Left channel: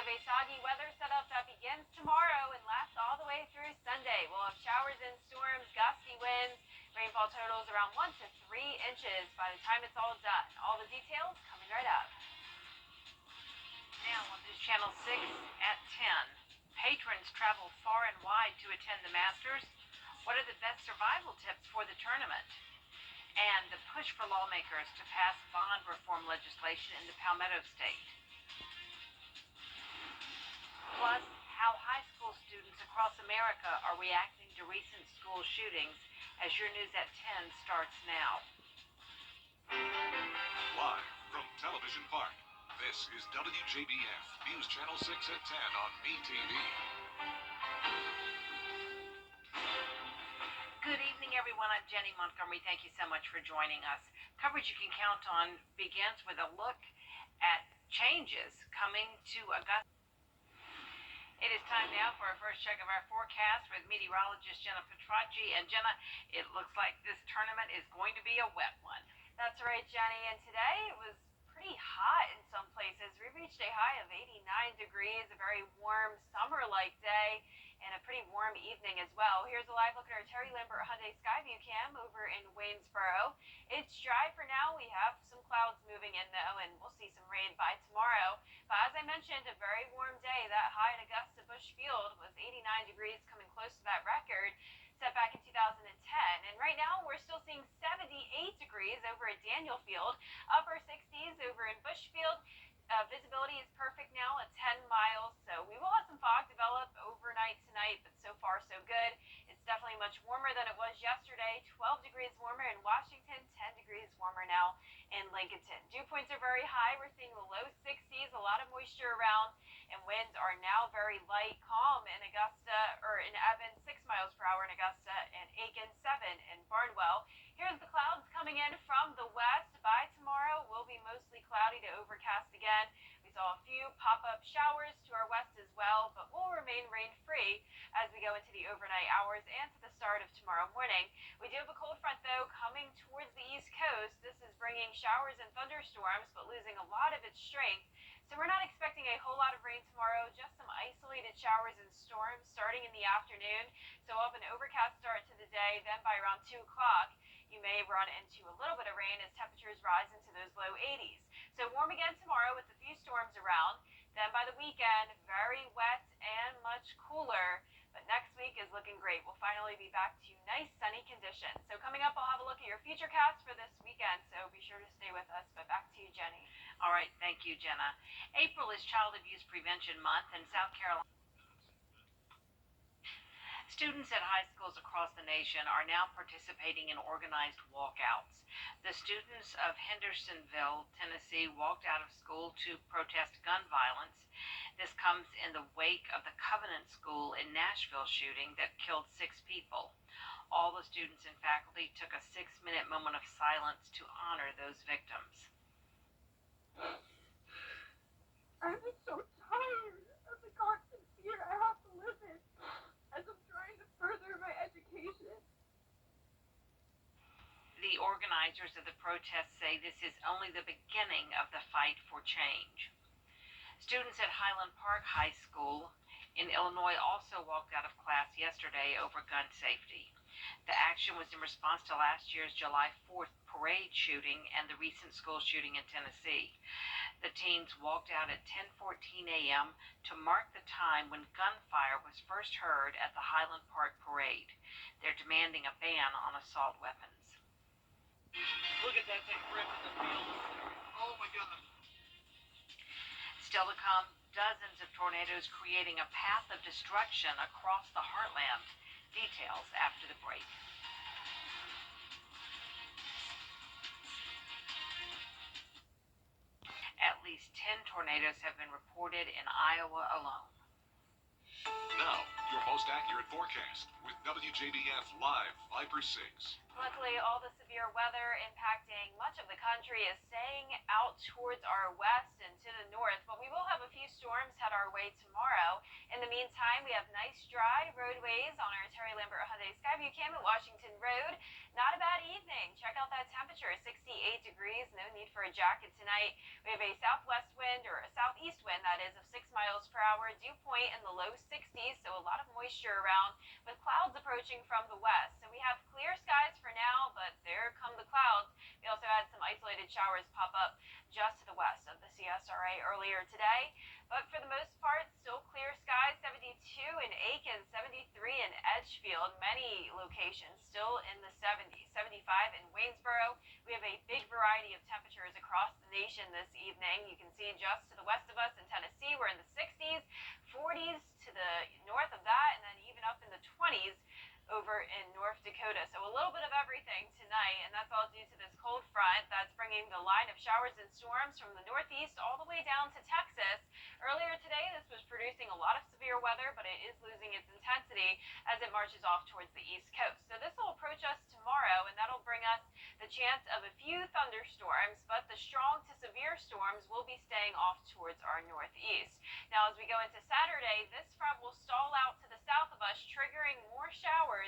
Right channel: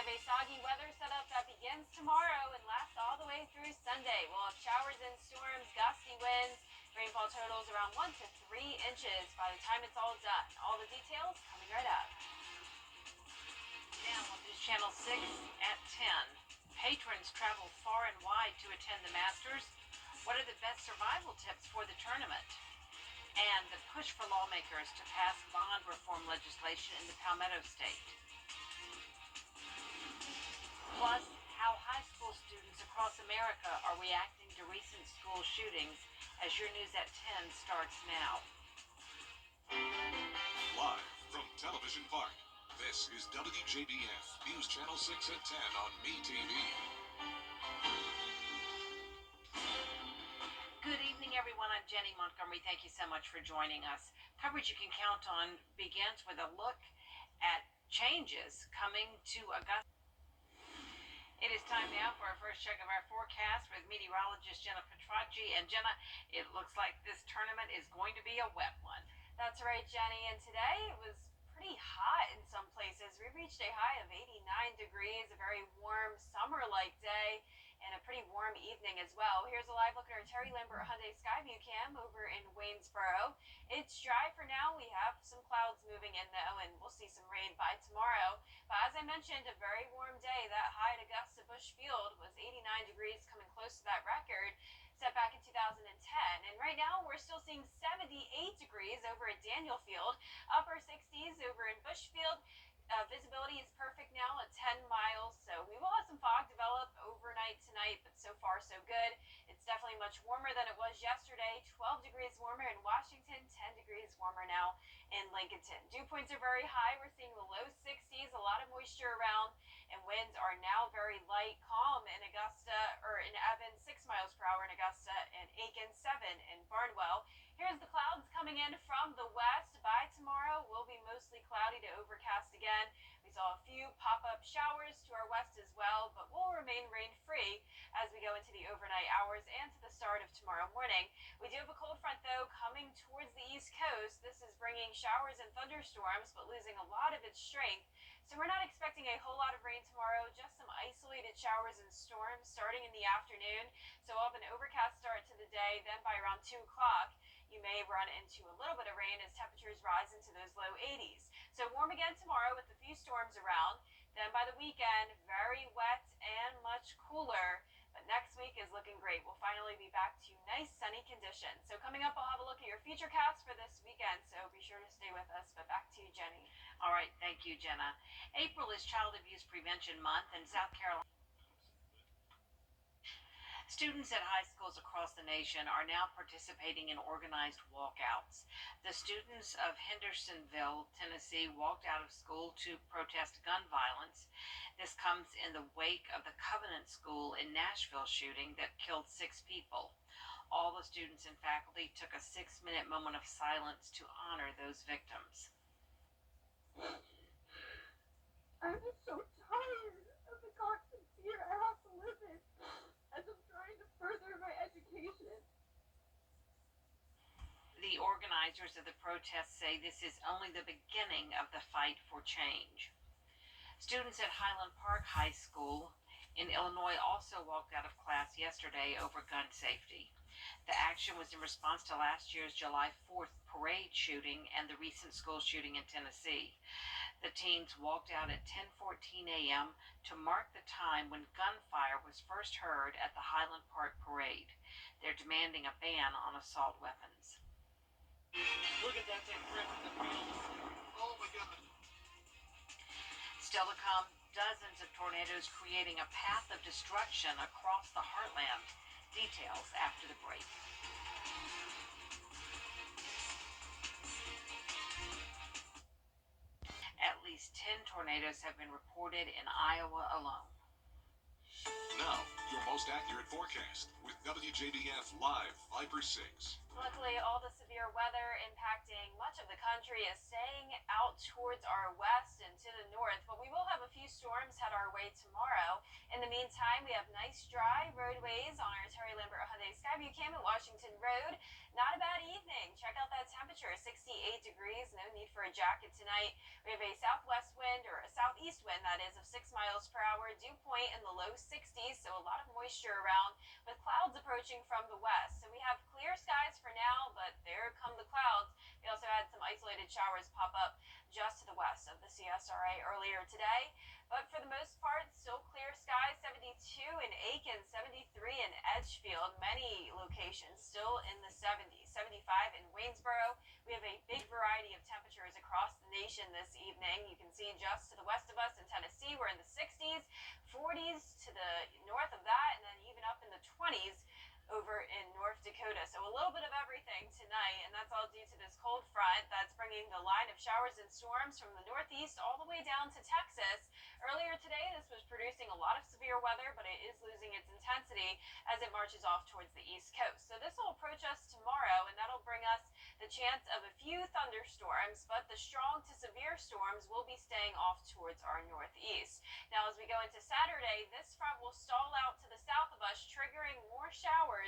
have a soggy weather setup that begins tomorrow and lasts all the way through Sunday. We'll have showers and storms, gusty winds, rainfall totals around 1 to 3 inches by the time it's all done. All the details coming right up. Now on News Channel 6 at 10. Patrons travel far and wide to attend the Masters. What are the best survival tips for the tournament? And the push for lawmakers to pass bond reform legislation in the Palmetto State. Plus, how high school students across America are reacting to recent school shootings as your News at 10 starts now. Live from Television Park, this is Wjbf News Channel 6 at 10 on MeTV. Good evening, everyone. I'm Jenny Montgomery. Thank you so much for joining us. Coverage you can count on begins with a look at changes coming to Augusta. It is time now for our first check of our forecast with meteorologist Jenna Petracci. And Jenna, it looks like this tournament is going to be a wet one. That's right, Jenny. And today it was pretty hot in some places. We reached a high of 89 degrees, a very warm summer-like day, and a pretty warm evening as well. Here's a live look at our Terry Lambert Hyundai Skyview cam over in Waynesboro. It's dry for now. We have some clouds moving in though, and we'll see some rain by tomorrow. But as I mentioned, a very warm day. That high at Augusta Busch Field was 89 degrees, coming close to that record set back in 2010. And right now we're still seeing 78 degrees over at Daniel Field, upper 60s over in Busch Field. Visibility is perfect now at 10 miles, so we will have some fog develop overnight tonight, but so far so good. It's definitely much warmer than it was yesterday, 12 degrees warmer in Washington, 10 degrees warmer now in Lincolnton. Dew points are very high. We're seeing the low 60s, a lot of moisture around, and winds are now very light, calm in Augusta, or in Evans, 6 miles per hour in Augusta, and Aiken, 7 in Barnwell. Here's the clouds coming in from the west. By tomorrow, will be mostly cloudy to overcast again. We saw a few pop-up showers to our west as well, but will remain rain-free as we go into the overnight hours and to the start of tomorrow morning. We do have a cold front, though, coming towards the east coast. This is bringing showers and thunderstorms, but losing a lot of its strength. So we're not expecting a whole lot of rain tomorrow, just some isolated showers and storms starting in the afternoon. So we'll have an overcast start to the day, then by around 2 o'clock, you may run into a little bit of rain as temperatures rise into those low 80s. So warm again tomorrow with a few storms around. Then by the weekend, very wet and much cooler. But next week is looking great. We'll finally be back to nice sunny conditions. So coming up, I'll have a look at your futurecast for this weekend. So be sure to stay with us. But back to you, Jenny. All right. Thank you, Jenna. April is Child Abuse Prevention Month in South Carolina. Students at high schools across the nation are now participating in organized walkouts. The students of Hendersonville, Tennessee, walked out of school to protest gun violence. This comes in the wake of the Covenant School in Nashville shooting that killed 6 people. All the students and faculty took a 6-minute moment of silence to honor those victims. I'm so tired of the constant fear I have to live in as I'm trying to further my education. The organizers of the protest say this is only the beginning of the fight for change. Students at Highland Park High School in Illinois also walked out of class yesterday over gun safety. The action was in response to last year's July 4th parade shooting and the recent school shooting in Tennessee. The teens walked out at 10:14 a.m. to mark the time when gunfire was first heard at the Highland Park parade. They're demanding a ban on assault weapons. Look at that thing ripping the field. Oh my God. Still to come, dozens of tornadoes creating a path of destruction across the heartland. Details after the break. At least 10 tornadoes have been reported in Iowa alone. Now, your most accurate forecast with Wjbf Live Viper 6. Luckily, all the severe weather impacting much of the country is staying out towards our west and to the north, but we will have a few storms head our way tomorrow. In the meantime, we have nice dry roadways on our Terry Lambert Hyundai Skyview cam at Washington Road. Not a bad evening. Check out that temperature, 68 degrees. No need for a jacket tonight. We have a southwest wind, or a southeast wind, that is, of 6 miles per for a dew point in the low 60s, so a lot of moisture around with clouds approaching from the west. So we have clear skies for now, but there come the clouds. We also had some isolated showers pop up just to the west of the CSRA earlier today. But for the most part, still clear skies, 72 in Aiken, 73 in Edgefield, many locations still in the 70s, 75 in Waynesboro. We have a big variety of temperatures across the nation this evening. You can see just to the west of us in Tennessee, we're in the 60s, 40s to the north of that, and then even up in the 20s over in North Dakota. So a little bit of everything tonight, and that's all due to this cold front that's bringing the line of showers and storms from the northeast all the way down to Texas. Earlier today, this was producing a lot of severe weather, but it is losing its intensity as it marches off towards the east coast. So this will approach us tomorrow, and that'll bring us the chance of a few thunderstorms, but the strong to severe storms will be staying off towards our northeast. Now, as we go into Saturday, this front will stall out to the south of us, triggering more showers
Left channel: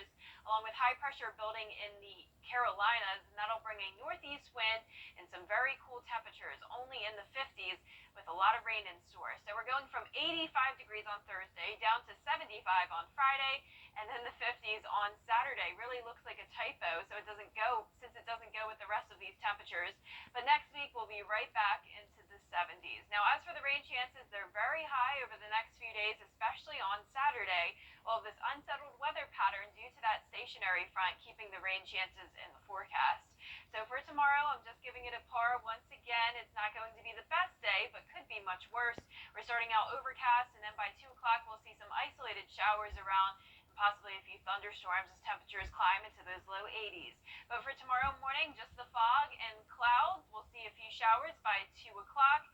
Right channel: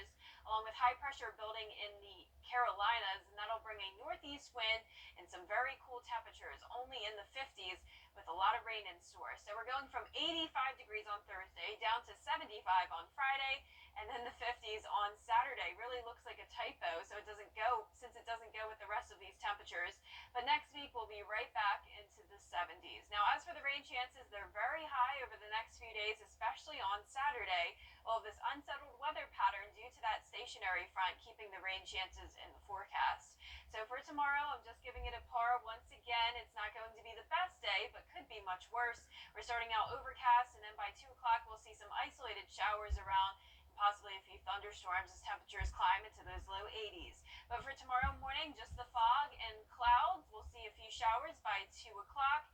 along with high pressure building in the Carolinas, and that'll bring a northeast wind and some very cool temperatures, only in the 50s with a lot of rain in store. So we're going from 85 degrees on Thursday down to 75 on Friday, and then the 50s on Saturday. Really looks like a typo, so it doesn't go with the rest of these temperatures. But next week we'll be right back into the 70s. Now, as for the rain chances, they're very high over the next few days, especially on Saturday. Well, this unsettled weather pattern due to that stationary front keeping the rain chances in the forecast. So for tomorrow, I'm just giving it a par once again. It's not going to be the best day, but could be much worse. We're starting out overcast, and then by 2 o'clock, we'll see some isolated showers around, and possibly a few thunderstorms as temperatures climb into those low 80s. But for tomorrow morning, just the fog and clouds. We'll see a few showers by 2 o'clock.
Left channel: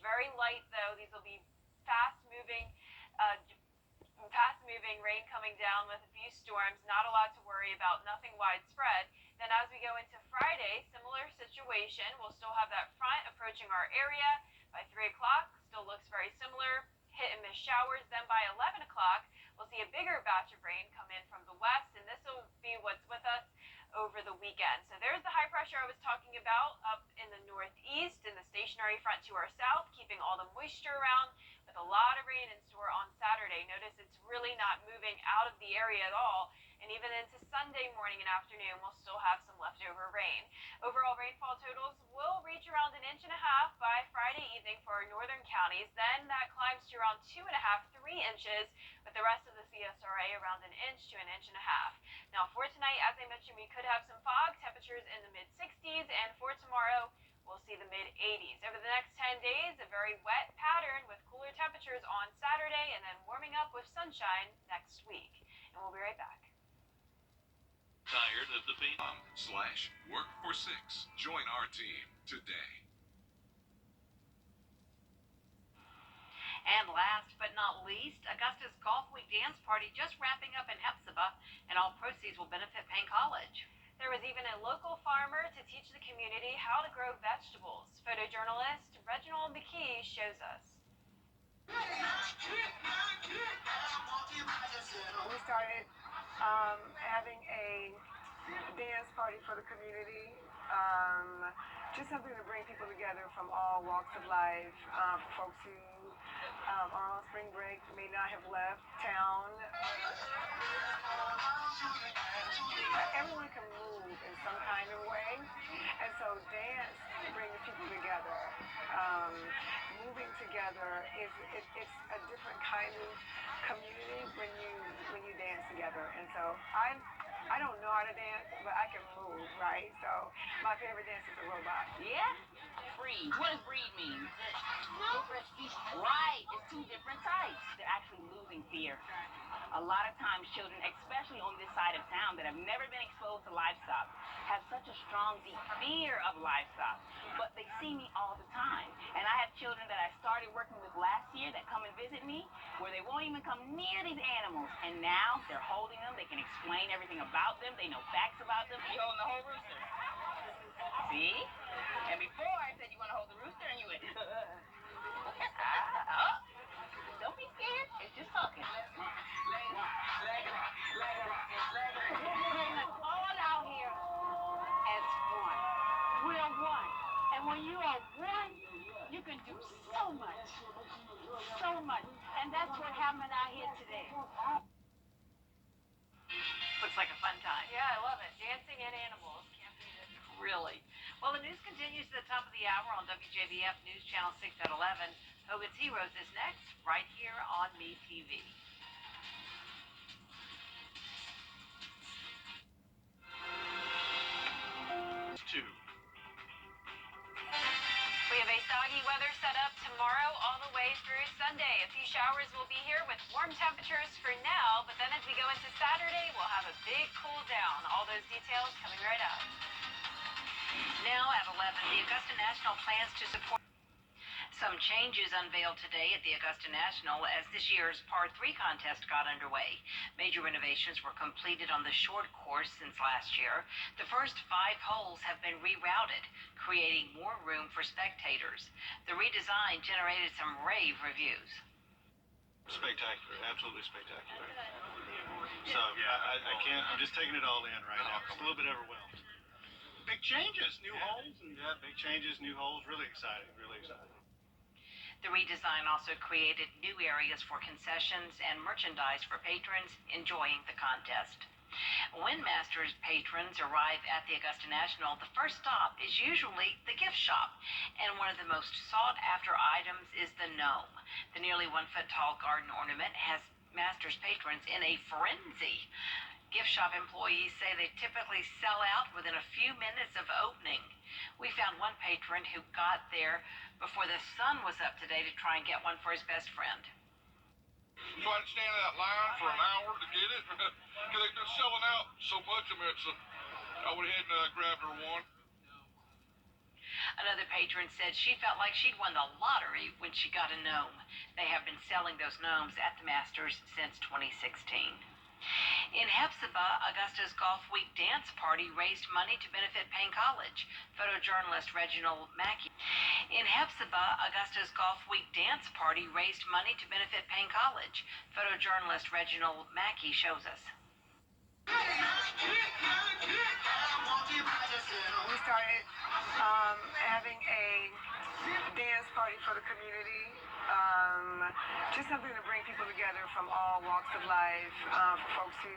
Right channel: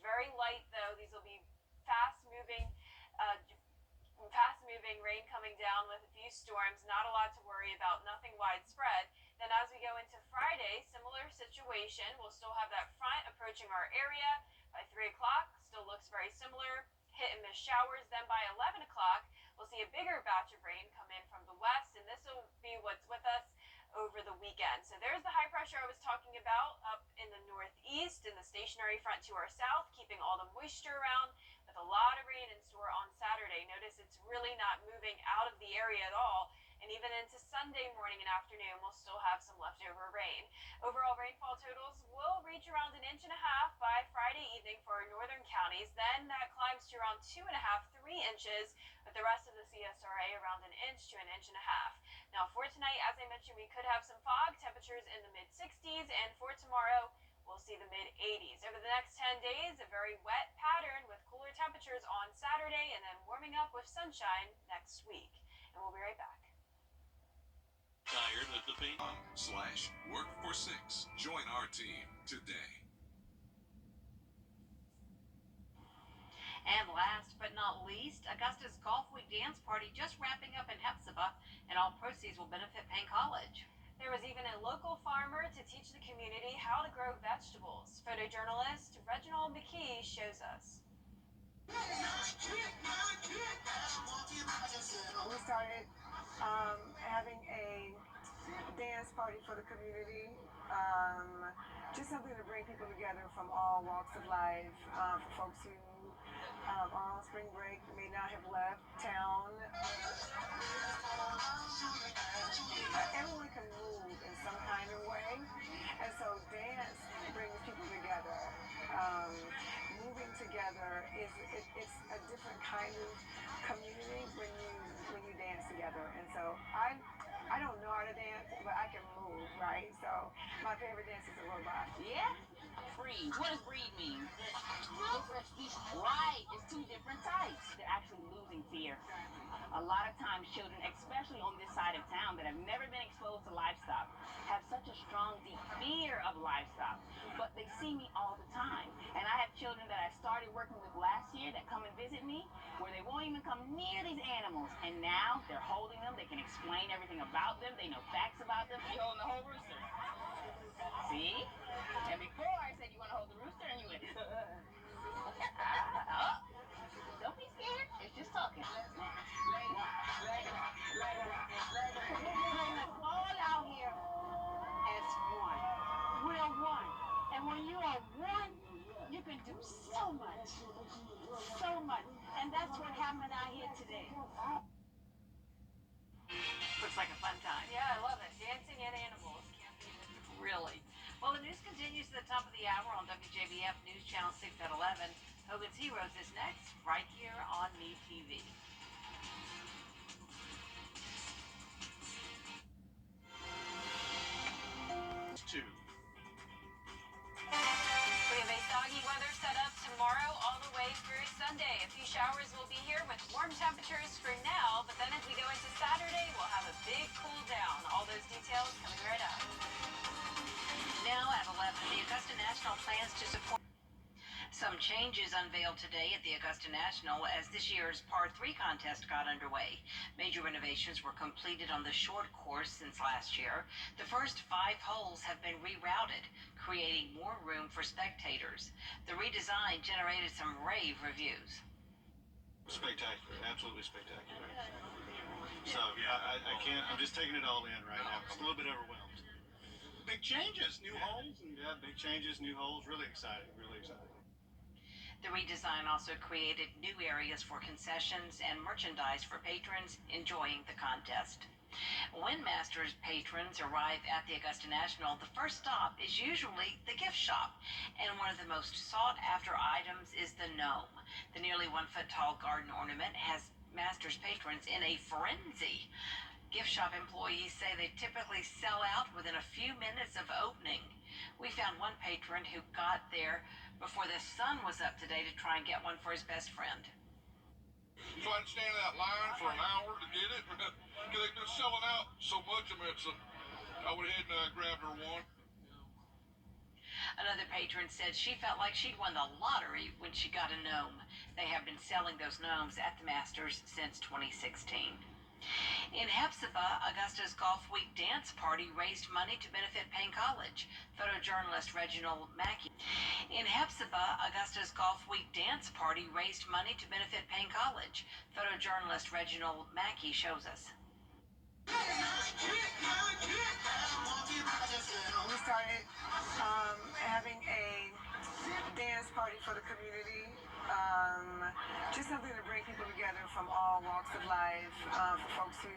Very light, though. These will be fast-moving rain coming down with a few storms. Not a lot to worry about, nothing widespread. Then as we go into Friday, similar situation. We'll still have that front approaching our area by 3 o'clock. Still looks very similar. Hit and miss showers. Then by 11 o'clock, we'll see a bigger batch of rain come in from the west, and this will be what's with us over the weekend. So there's the high pressure I was talking about up in the northeast, and the stationary front to our south, keeping all the moisture around with a lot of rain in store on Saturday. Notice it's really not moving out of the area at all. And even into Sunday morning and afternoon, we'll still have some leftover rain. Overall rainfall totals will reach around 1.5 inches by Friday evening for our northern counties. Then that climbs to around 2.5, 3 inches, with the rest of the CSRA around 1 inch to 1.5 inches. Now for tonight, as I mentioned, we could have some fog, temperatures in the mid-60s, and for tomorrow, we'll see the mid-80s. Over the next 10 days, a very wet pattern with cooler temperatures on Saturday and then warming up with sunshine next week. And we'll be right back. Tired of the pain? /work for 6. Join our team today. And last but not least, Augusta's Golf Week Dance Party just wrapping up in Hephzibah, and all proceeds will benefit Payne College. There was even a local farmer to teach the community how to grow vegetables. Photojournalist Reginald McKee shows us. We started having a dance party for the community, just something to bring people together from all walks of life, for folks who are on spring break, may not have left town. Everyone can move in some kind of way, and so dance brings people together. Moving together it's a different kind of community when you dance together. And so I don't know how to dance, but I can move, right? So my favorite dance is a robot. Yeah? Breed. What does breed mean? Right. It's 2 different types. They're actually losing fear. A lot of times children, especially on this side of town that have never been exposed to livestock, have such a strong, deep fear of livestock. But they see me all the time. And I have children that I started working with last year that come and visit me where they won't even come near these animals. And now they're holding them. They can explain everything about them. They know facts about them. You're holding the whole rooster. See? And before I said you want to hold the rooster and you went, don't be scared. It's just talking. All out here as one. We're one. And when you are one, you can do so much. So much. And that's happening out here today? Looks like a fun time. Yeah, I love it. Dancing and animals. Can't beat it. Really. Well, the news continues to the top of the hour on WJBF News Channel 6 at 11. Hogan's Heroes is next, right here on Me TV. We have a soggy weather set up tomorrow all the way through Sunday. A few showers will be here with warm temperatures for now, but then as we go into Saturday, we'll have a big cool down. All those details coming right up. Now at 11, the Augusta National plans to support some changes unveiled today at the Augusta National as this year's Par 3 contest got underway. Major renovations were completed on the short course since last year. The first 5 holes have been rerouted, creating more room for spectators. The redesign generated some rave reviews. Spectacular, absolutely spectacular. So I can't, I'm just taking it all in right now. It's a little bit overwhelmed. Big changes, new holes. Yeah, big changes, new holes, really exciting, really exciting. The redesign also created new areas for concessions and merchandise for patrons enjoying the contest. When Masters patrons arrive at the Augusta National, the first stop is usually the gift shop, and one of the most sought-after items is the gnome. The nearly 1-foot-tall garden ornament has Masters patrons in a frenzy. Gift shop employees say they typically sell out within a few minutes of opening. We found one patron who got there before the sun was up today to try and get one for his best friend. So I'd stand in that line for an hour to get it because they've been selling out so much of it. So I went ahead and grabbed her one. Another patron said she felt like she'd won the lottery when she got a gnome. They have been selling those gnomes at the Masters since 2016. In Hephzibah, Augusta's Golf Week dance party raised money to benefit Payne College. Photojournalist Reginald Mackey. In Hephzibah, Augusta's Golf Week dance party raised money to benefit Payne College. Photojournalist Reginald Mackey shows us. We started having a dance party for the community. Just something to bring people together from all walks of life, for folks who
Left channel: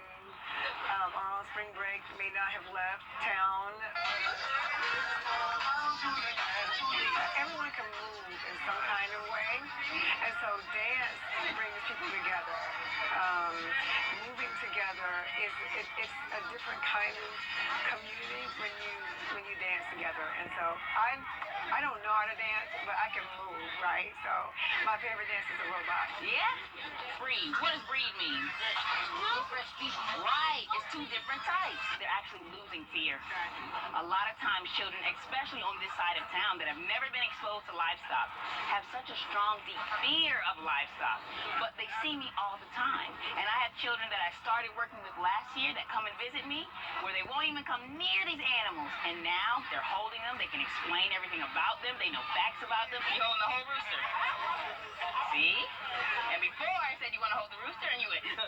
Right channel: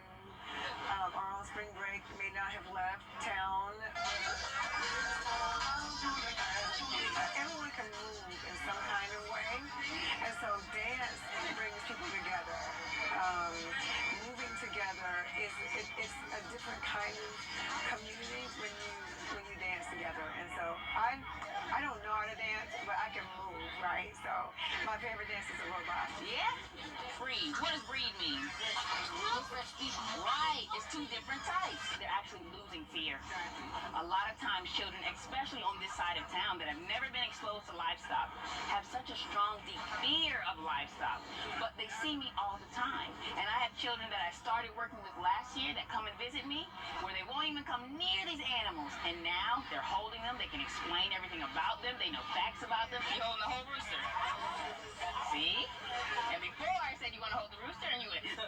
are on spring break may not have left town. Everyone can move in some kind of way, and so dance brings people together. Moving together it's a different kind of community when you dance together, and so I don't know how to dance, but I can move, right? So my favorite dance is a robot. Yeah? Breed. What does breed mean? Right. It's 2 different types. They're actually losing fear. A lot of times children, especially on this side of town that have never been exposed to livestock, have such a strong, deep fear of livestock. But they see me all the time. And I have children that I started working with last year that come and visit me where they won't even come near these animals. And now they're holding them. They can explain everything about them. They know facts about them. You holding the whole rooster. See? And before I said you want to hold the rooster and you went, oh.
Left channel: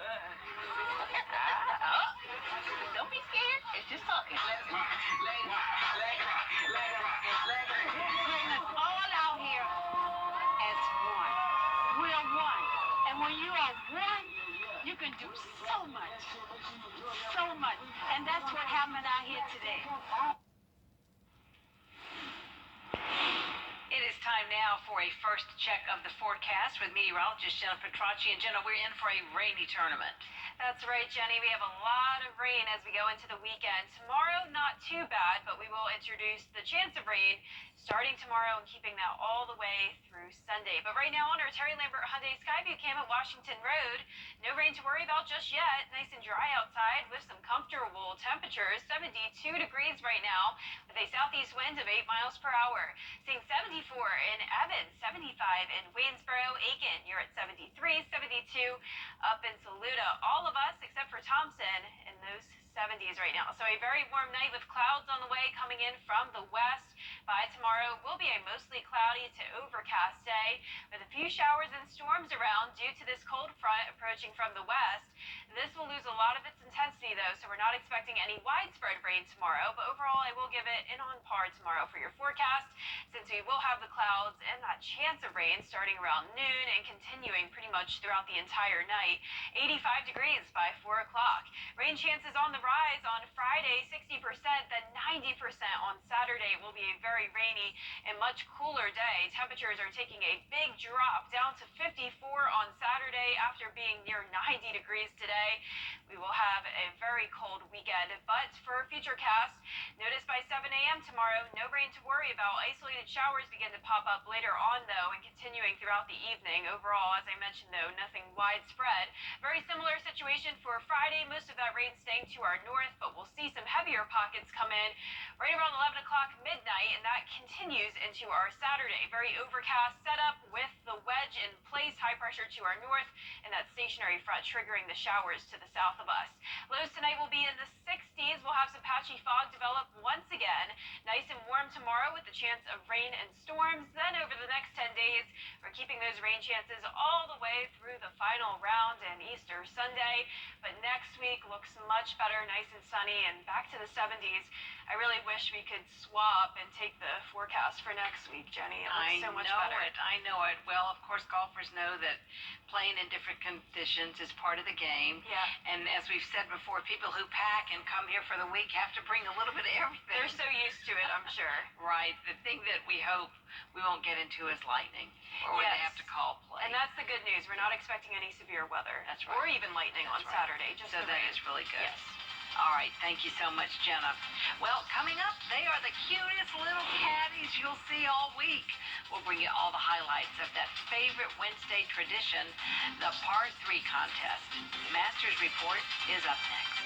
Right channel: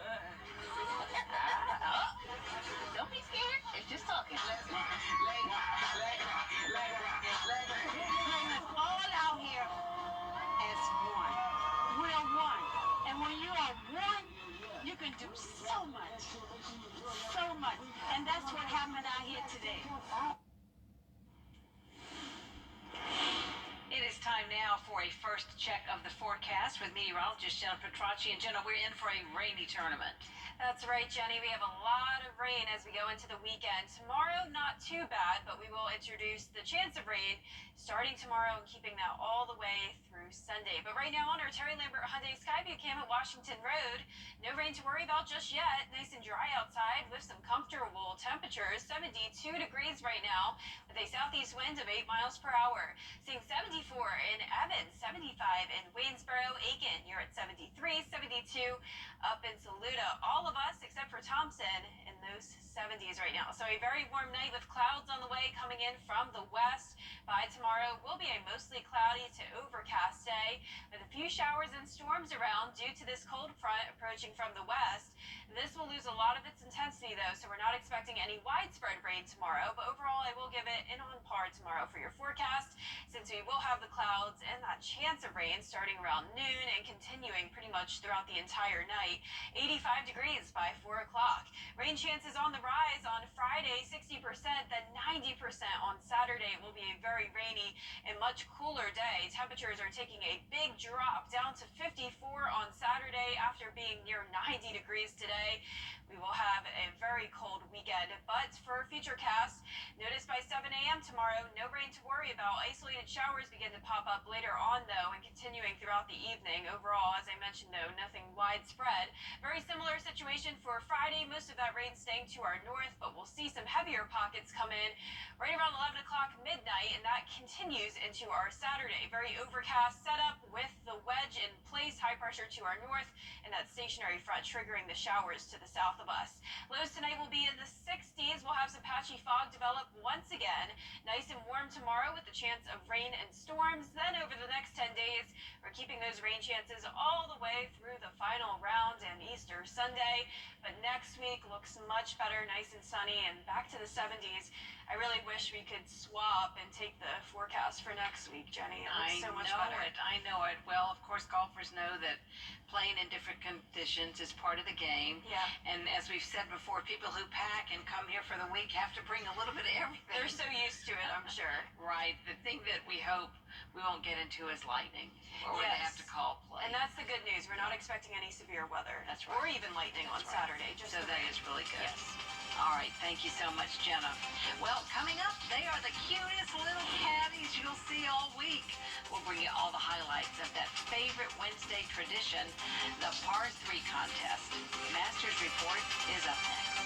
Don't be scared. It's just talking. Let's All out here as one. We're one. And when you are one, you can do so much. So much. And that's what happened out here today. It is time now for a first check of the forecast with meteorologist Jenna Petracci. And Jenna, we're in for a rainy tournament. That's right, Jenny. We have a lot of rain as we go into the weekend. Tomorrow, not too bad, but we will introduce the chance of rain starting tomorrow and keeping that all the way through Sunday. But right now on our Terry Lambert Hyundai Skyview cam at Washington Road, no rain to worry about just yet. Nice and dry outside with some comfortable temperatures. 72 degrees right now with a southeast wind of 8 miles per hour. Seeing 74 in Evans, 75 in Waynesboro, Aiken. You're at 73, 72 up in Saluda. All of us except for Thompson in those 70s right now. So a very warm night with clouds on the way coming in from the west. By tomorrow will be a mostly cloudy to overcast day with a few showers and storms around due to this cold front approaching from the west. This will lose a lot of its intensity though, so we're not expecting any widespread rain tomorrow, but overall I will give it an on par tomorrow for your forecast, since we will have the clouds and that chance of rain starting around noon and continuing pretty much throughout the entire night. 85 degrees by 4 o'clock. Rain chances on the rise on Friday, 60%, then 90% on Saturday. It will be a very rainy and much cooler day. Temperatures are taking a big drop down to 54 on Saturday after being near 90 degrees today. We will have a very cold weekend, but for future cast, notice by 7 a.m. tomorrow, no rain to worry about. Isolated showers begin to pop up later on, though, and continuing throughout the evening. Overall, as I mentioned, though, nothing widespread. Very similar situation for Friday. Most of that rain staying to our north, but we'll see some heavier pockets come in right around 11 o'clock midnight, and that continues into our Saturday. Very overcast setup with the wedge in place, high pressure to our north, and that stationary front triggering the showers to the south of us. Lows tonight will be in the 60s. We'll have some patchy fog develop once again. Nice and warm tomorrow with the chance of rain and storms. Then over the next 10 days, we're keeping those rain chances all the way through the final round and Easter Sunday. But next week looks much better, nice and sunny, and back to the 70s. I really wish we could swap and take the forecast for next week, Jenny. It looks so much better. I know it. Well, of course, golfers know that playing in different conditions is part of the game. Yeah. And as we've said before, people who pack and come here for the week have to bring a little bit of everything. They're so used to it, I'm sure. Right. The thing that we hope we won't get into is lightning, or when they have to call play. And that's the good news. We're not expecting any severe weather. That's right. Or even lightning on Saturday. Just so the that rain. is really good. Yes. All right, thank you so much, Jenna. Well, coming up, they are the cutest little caddies you'll see all week. We'll bring you all the highlights of that favorite Wednesday tradition, the Par 3 contest. Masters Report is up next.